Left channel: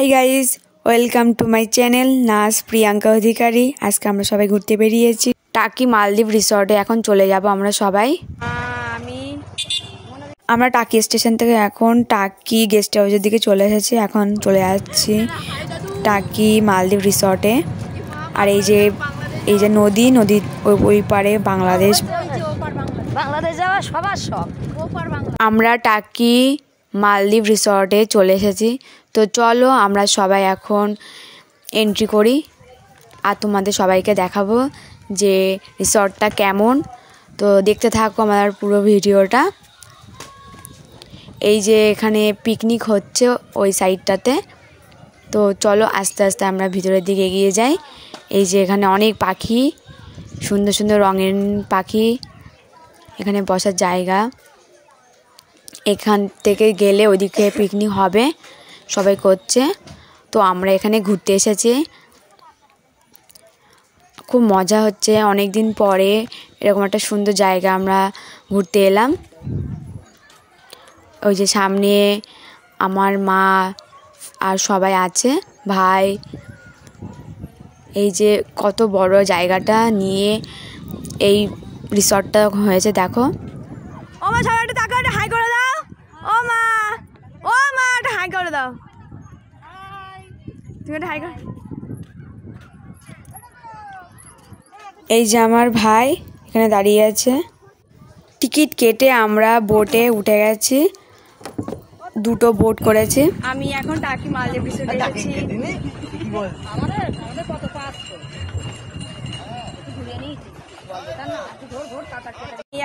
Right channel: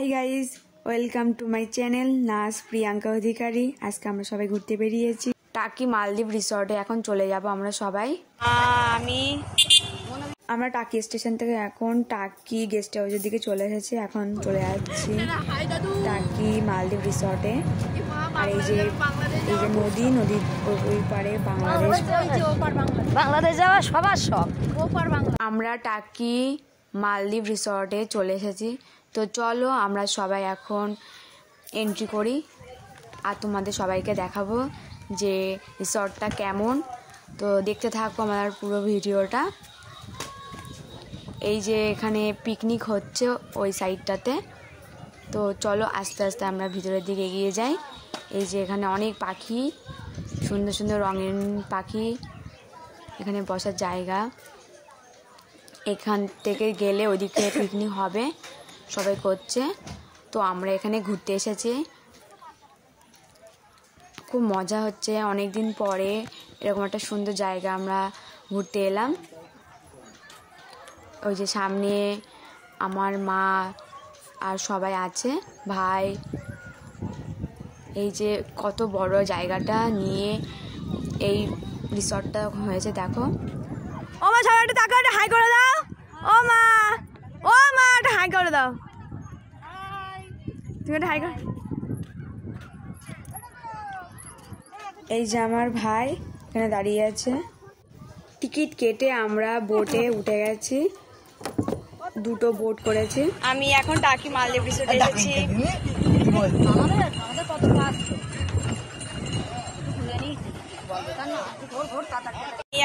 Hi guys, welcome to my channel নাস প্রিয়াঙ্কা অধিকারী। আজকে আমরা সবাই ঘুরতে বেরিয়েছি টাকি মালদ্বীপ রিসর্টে। এখন চলে যাব আমরা সবাই। আমরা টাকি স্টেশন থেকে এখন টাকি গেস্ট হাউসের দিকে চলে এসেছি। এখন চলে যাচ্ছি টাকি মালদ্বীপ রিসর্টে। আর এই যে নদীর ওই পারে বাংলাদেশ। যাওয়া সবার শখ। আমরা টাকি মালদ্বীপ রিসর্টে চলে এসেছি। তো চলো আমরা সবাই এখন এন্ট্রি করি আর তোমাদের সবাইকে দেখাবো যে রিসর্টটা কেমন। তো দেখতে থাকো আমার পুরো ভিডিওটা। এই যে এখানে পিকনিক হচ্ছে ওই সাইডটাতে। তো চলো আস্তে আস্তে আমরা ভিতরের দিকে এগিয়ে যাই। এই যে এখানে অনেক পাখি, সুন্দর সুন্দর রঙের পাখি, এখানে বসার জায়গা। এখান থেকে গেলে ওইদিকে পিকনিক হবে, সবাই করছে। তো আমরা এখানে ঘুরতে এসেছি, খুব মজা হচ্ছে। অনেক দিন পরে এরকম একটা সুন্দর জায়গা আমরা ঘুরতে এলাম। ওই যে সামনে আমার মা আর সবাই আছে, ভাই। এই যে কত বড় জায়গাটা নিয়ে এই রিসর্টটা হয়েছে দেখো। ও মা, সবাই একটা তাকাও, একটা হাই করে দাও। ও মা একটা হাই করে দাও। তুমি একটা হাই কর। এই যে আমার ভাই এখানে দাঁড়িয়ে আছে। টিকিট কেটে আমরা বোটে উঠে গেছি, দুটো বোট করেছি। আমি এখন টাকি মালদ্বীপ রিসোর্টে এসেছি।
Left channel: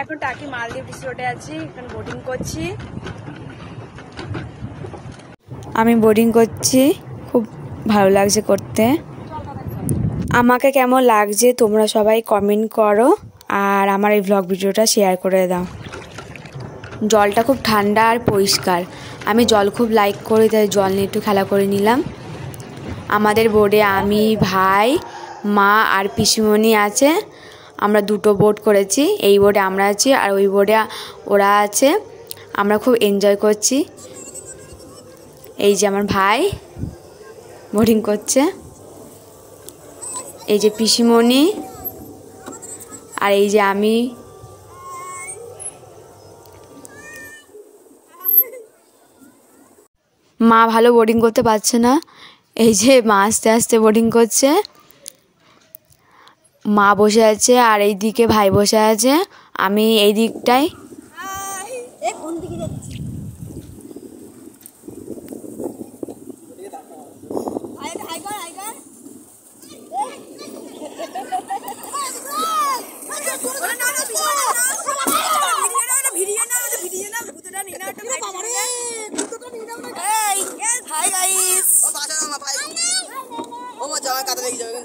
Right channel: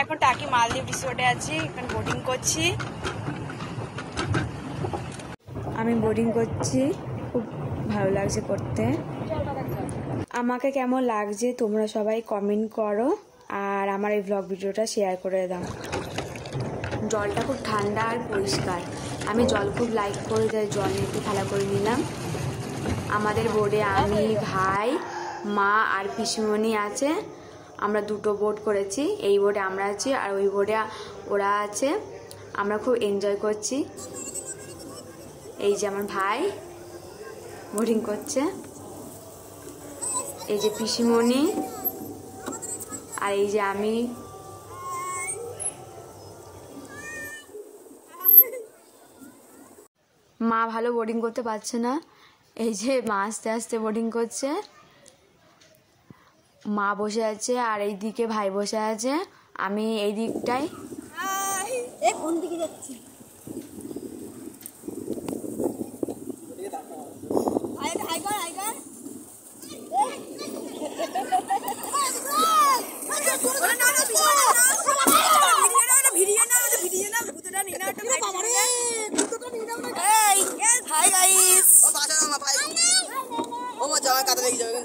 এখন টাকি মালদ্বীপ রিসোর্টে আছি, এখন বোটিং করছি। আমি বোটিং করছি, খুব ভালো লাগছে করতে। আমাকে কেমন লাগছে তোমরা সবাই কমেন্ট করো আর আমার এই ভ্লগ ভিডিওটা শেয়ার করে দাও। জলটা খুব ঠান্ডা আর পরিষ্কার। আমি জল খুব লাইক করি, তাই জল নিয়ে একটু খেলা করে নিলাম। আমাদের বোটে আমি, ভাই, মা আর পিসিমণি আছে। আমরা দুটো বোট করেছি, এই বোটে আমরা আছি আর ওই বোটে ওরা আছে। আমরা খুব এনজয় করছি। এই যে আমার ভাই বোটিং করছে, এই যে পিসিমণি আর এই যে আমি। মা ভালো বোটিং করতে পারছে না, এই যে মা আস্তে আস্তে বোটিং করছে। মা বসে আছে আর এই দিকে ভাই বসে আছে, আমি এই দিকটায়। হাই গাইস, ও মা জামা কাটা লেগে যাবে।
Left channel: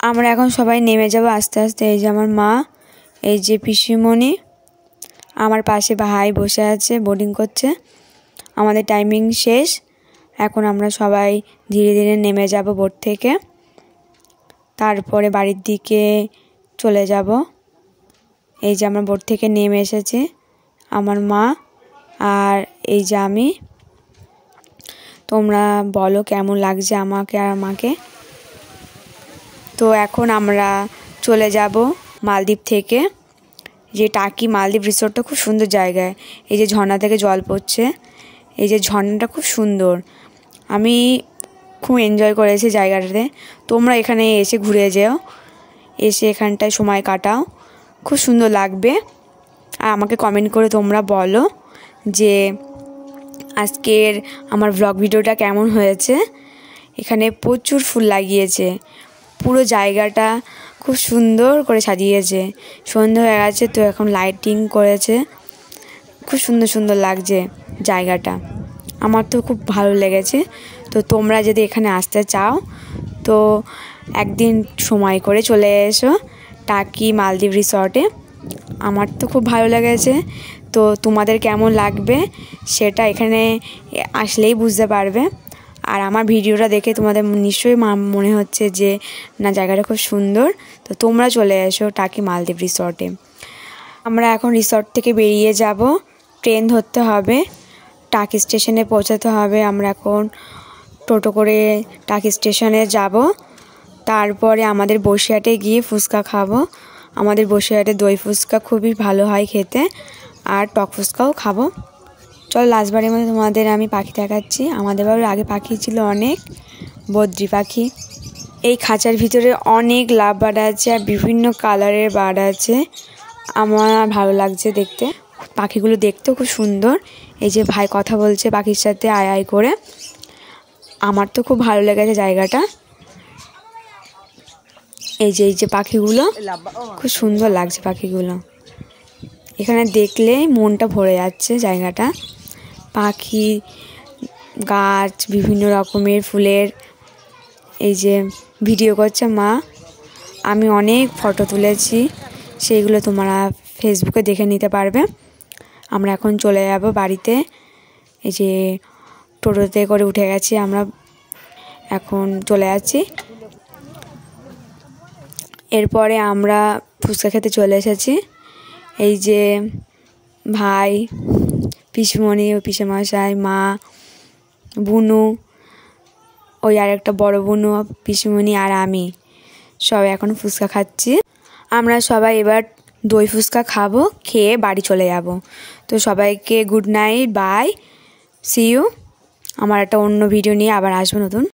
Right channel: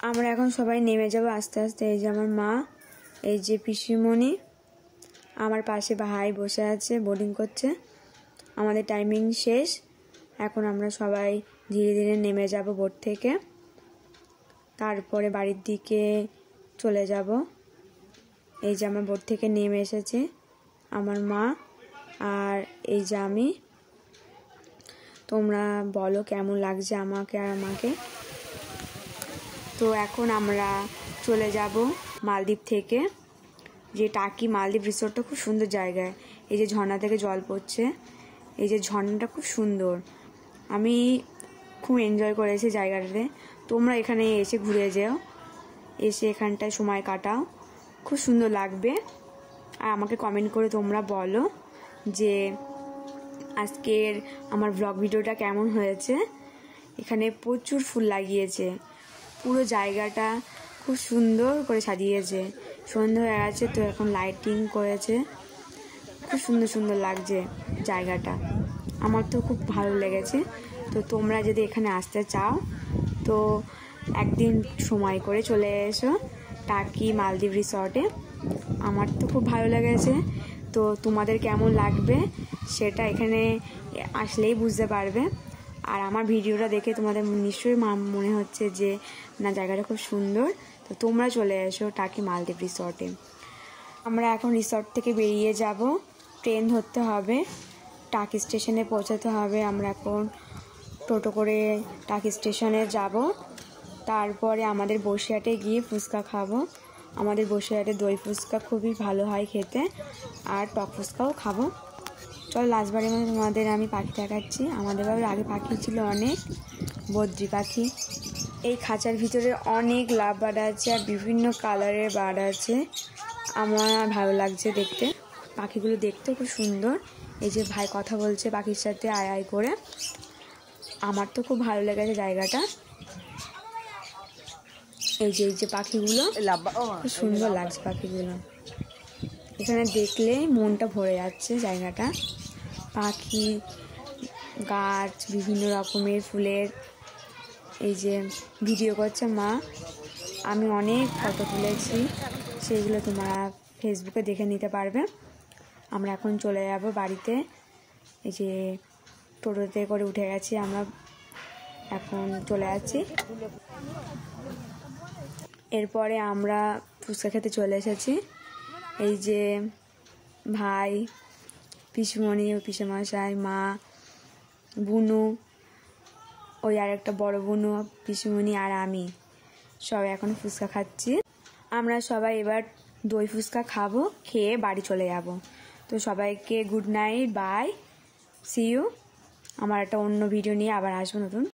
আমরা এখন সবাই নেমে যাব আস্তে আস্তে। এই যে আমার মা, এই যে পিসিমণি, আমার পাশে ভাই বসে আছে, বোটিং করছে। আমাদের টাইমিং শেষ, এখন আমরা সবাই ধীরে ধীরে নেমে যাব বোট থেকে, তারপরে বাড়ির দিকে চলে যাব। এই যে আমরা বোট থেকে নেমে এসেছি, আমার মা আর এই যে আমি। তোমরা বলো কেমন লাগছে আমাকে আর আমাকে। তো এখন আমরা চলে যাব মালদ্বীপ থেকে। যে টাকি মালদ্বীপ রিসোর্টটা খুব সুন্দর জায়গায়। এই যে ঝর্ণা থেকে জল পড়ছে, এই যে ঝর্ণাটা খুব সুন্দর। আমি খুব এনজয় করেছি জায়গাটাতে। তোমরা এখানে এসে ঘুরে যেও, এসে এখানটায় সময় কাটাও, খুব সুন্দর লাগবে। আর আমাকে কমেন্ট করে তোমরা বলো যে আজকের আমার ভ্লগ ভিডিওটা কেমন হয়েছে। এখানে প্রচুর ফুল লাগিয়েছে, পুরো জায়গাটা খুব সুন্দর করে সাজিয়েছে। সন্ধ্যা হয়ে গেছে তো এখন লাইটিং করেছে, খুব সুন্দর সুন্দর লাগছে জায়গাটা। আমার তো খুব ভালো লেগেছে। তো তোমরা যদি এখানে আসতে চাও তো একদিন সময় করে চলে এসো টাকি মালদ্বীপ রিসর্টে। আমার তো খুব ভালো লেগেছে। তো তোমাদের কেমন লাগবে সেটা এখানে আসলেই বুঝতে পারবে। আর আমার ভিডিওটা দেখে তোমাদের নিশ্চয়ই মনে হচ্ছে যে না জায়গাটা খুব সুন্দর। তো তোমরা চলে এসো টাকি মালদ্বীপ রিসর্টে। আমরা এখন রিসর্ট থেকে বেরিয়ে যাব, ট্রেন ধরতে হবে, টাকি স্টেশনে পৌঁছাতে হবে। আমরা এখন টোটো করে টাকি স্টেশনে যাব, তারপরে আমাদের বসিরহাটে গিয়ে ফুচকা খাবো। আমাদের বসিরহাটে দই ফুচকা খুবই ভালো হয় খেতে, আর টক ফুচকাও খাবো। চল লাস্টবারের মধ্যে তোমাদের আমি পাখি দেখাচ্ছি। আমাদের বাড়ির আগে পাখি ছিল অনেক, বদ্রি পাখি। এই খাঁচার ভিতরে অনেক লাভ বার্ড আছে আর বিভিন্ন কালারের বার্ড আছে। আমার ভালো লাগছে দেখতে, পাখিগুলো দেখতেও খুব সুন্দর। এই যে ভাই কথা বলছে পাখির সাথে আয় আয় করে, আমার তো খুব ভালো লেগেছে জায়গাটা। এই যে পাখিগুলো খুব সুন্দর লাগছে পাখিগুলো, এখানে দেখলে মনটা ভরে যাচ্ছে জায়গাটা। পাখি, গাছ, বিভিন্ন রকমের ফুলের। এই যে ভিডিও করছে মা, আমি অনেক ফটো তুলেছি, সেইগুলো তোমরা ফেসবুকে দেখে নিতে পারবে। আমরা এখন চলে যাব বাড়িতে। এই যে টোটোতে করে উঠে গেছি, আমরা এখন চলে যাচ্ছি। এরপরে আমরা ফুচকা খেতে চলে এসেছি। এই যে ভাই, পিসিমণি, ও পিসেমশাই, মা, বুনু, ওই আর একটা বড় বুনু, পিসিমণি আর আমি সবাই এখন ফুচকা খাচ্ছি। আমরা সবাই এবার দই ফুচকা খাবো, খেয়ে বাড়ি চলে যাব। তো সবাইকে good night, bye, see you. আমার একটা অন্য ভিডিও নিয়ে আবার আসবো নতুন।